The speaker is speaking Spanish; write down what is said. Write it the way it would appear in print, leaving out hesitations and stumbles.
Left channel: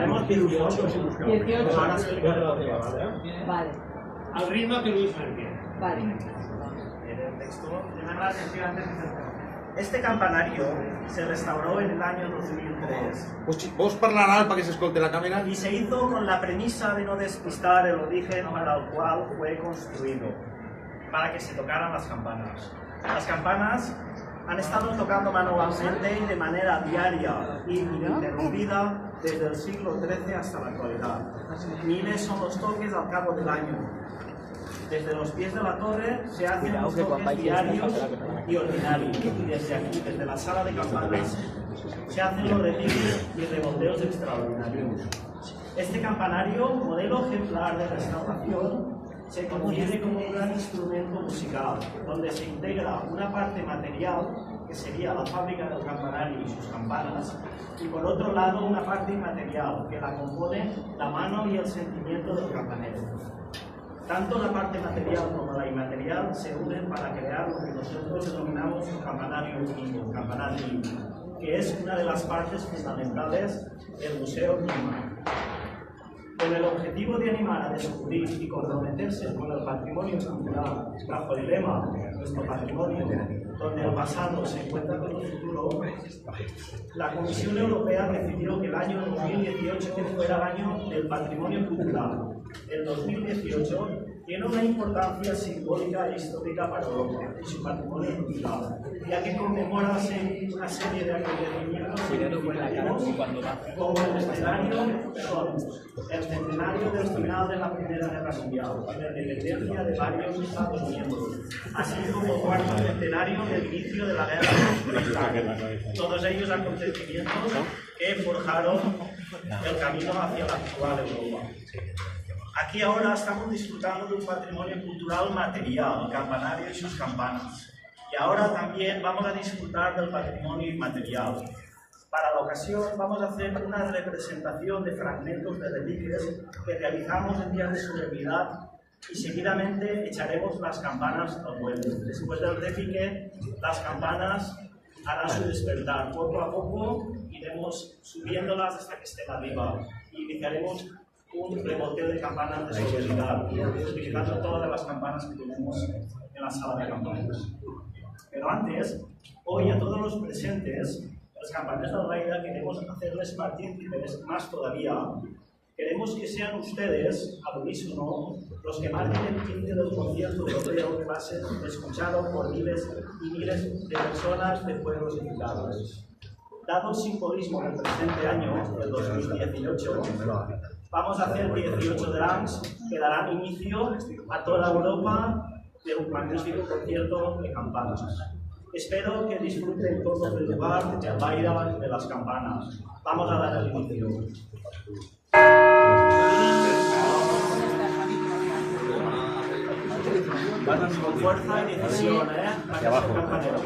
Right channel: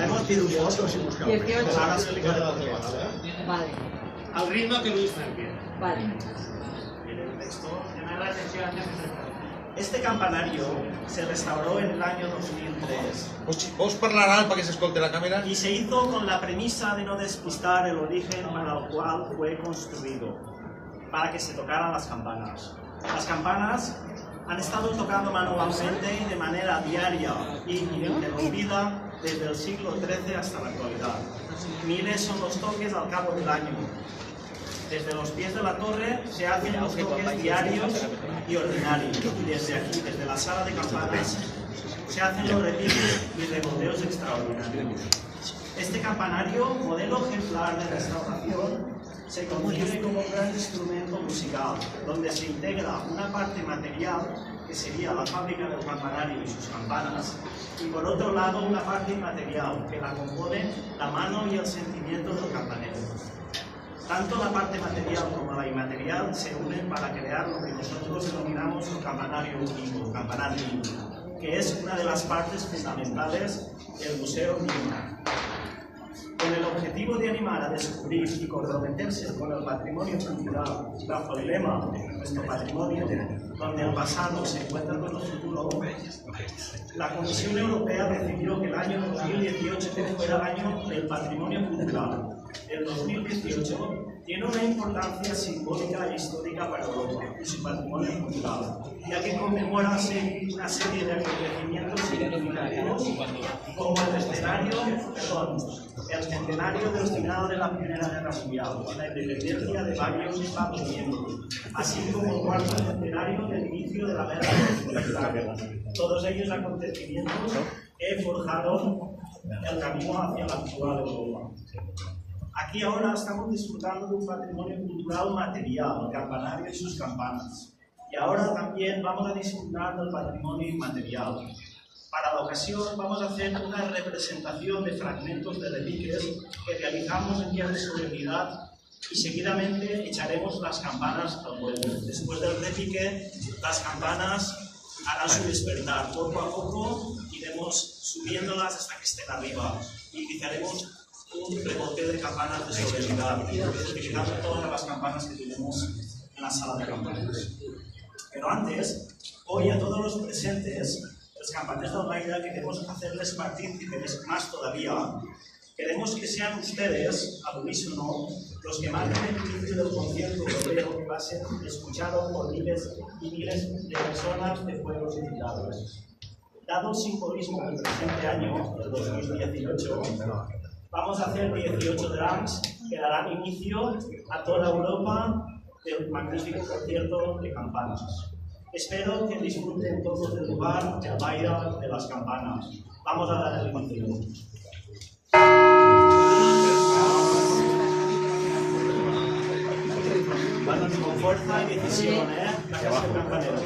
Haremos 18. 18. Vale. Al ritmo que Luis Frank. Vale. El texto llama la atención. Este campanario se restauró en el año 2003 ¿Vos parlar alt para que se escolte la cámara? y se hizo con la premisa de no despistar el origen para el cual fue construido, para que se tocaran las campanas. Las campanas han estado tocando manualmente y de manera diaria y ininterrumpida desde el siglo XIII hasta la actualidad. Miles son los toques al cabo del año. Desde los pies de la torre se hacen los toques diarios y ordinarios. Desde aquí, desde la sala de campanas, se hacen los repiques y revolteos extraordinarios. Este campanario, modelo ejemplar de restauración, se concibe como un gran instrumento musical, donde se integra una parte material, que sería la fábrica del campanario y sus campanas, y por otro lado una parte inmaterial, que la compone la mano y el sentimiento del campanero. Tanto la parte material como la inmaterial se unen para crear lo que nosotros denominamos el campanario vivo, campanario vivo, que es una de las partes fundamentales del Museo Vivo. Con el objetivo de animar a descubrir y comprometerse con el patrimonio cultural bajo el lema Nuestro Patrimonio, donde el pasado se encuentra con el futuro, la Comisión Europea decidió que el año 2018 fuera el año del patrimonio cultural. El 2018 tiene una importancia simbólica e histórica para Europa y su patrimonio cultural, ya que conmemora una serie de acontecimientos significativos como el centenario del final de la Primera Guerra Mundial, la independencia de varios Estados miembros, así como el cuarto centenario del inicio de la Guerra Civil. Todos ellos acontecimientos que forjaron el camino hacia la actual Europa. Aquí ahora estamos disfrutando de un patrimonio cultural material, el campanario y sus campanas. Y ahora también vamos a disfrutar del patrimonio inmaterial. Para la ocasión vamos a hacer una representación de fragmentos de repiques que realizamos en días de solemnidad y seguidamente echaremos las campanas al vuelo. Después del repique, las campanas harán su despertar. Poco a poco iremos subiéndolas hasta que estén arriba y iniciaremos un revolteo de campanas de solemnidad, utilizando todas las campanas que tenemos en la sala de campanas. Pero antes, hoy a todos los presentes, los campaners del Baida, queremos hacerles partícipes más todavía. Queremos que sean ustedes, al unísono, los que marquen el inicio del concierto europeo que va a ser escuchado por miles y miles de personas de pueblos invitados. Dado el simbolismo del presente año, el 2018, vamos a hacer 18 drums que darán inicio a toda Europa de un magnífico concierto de campanas. Espero que disfruten todos del lugar, del baile de las campanas. Vamos a dar el inicio. Con fuerza y decisión, ¿eh? La casa de campaneros.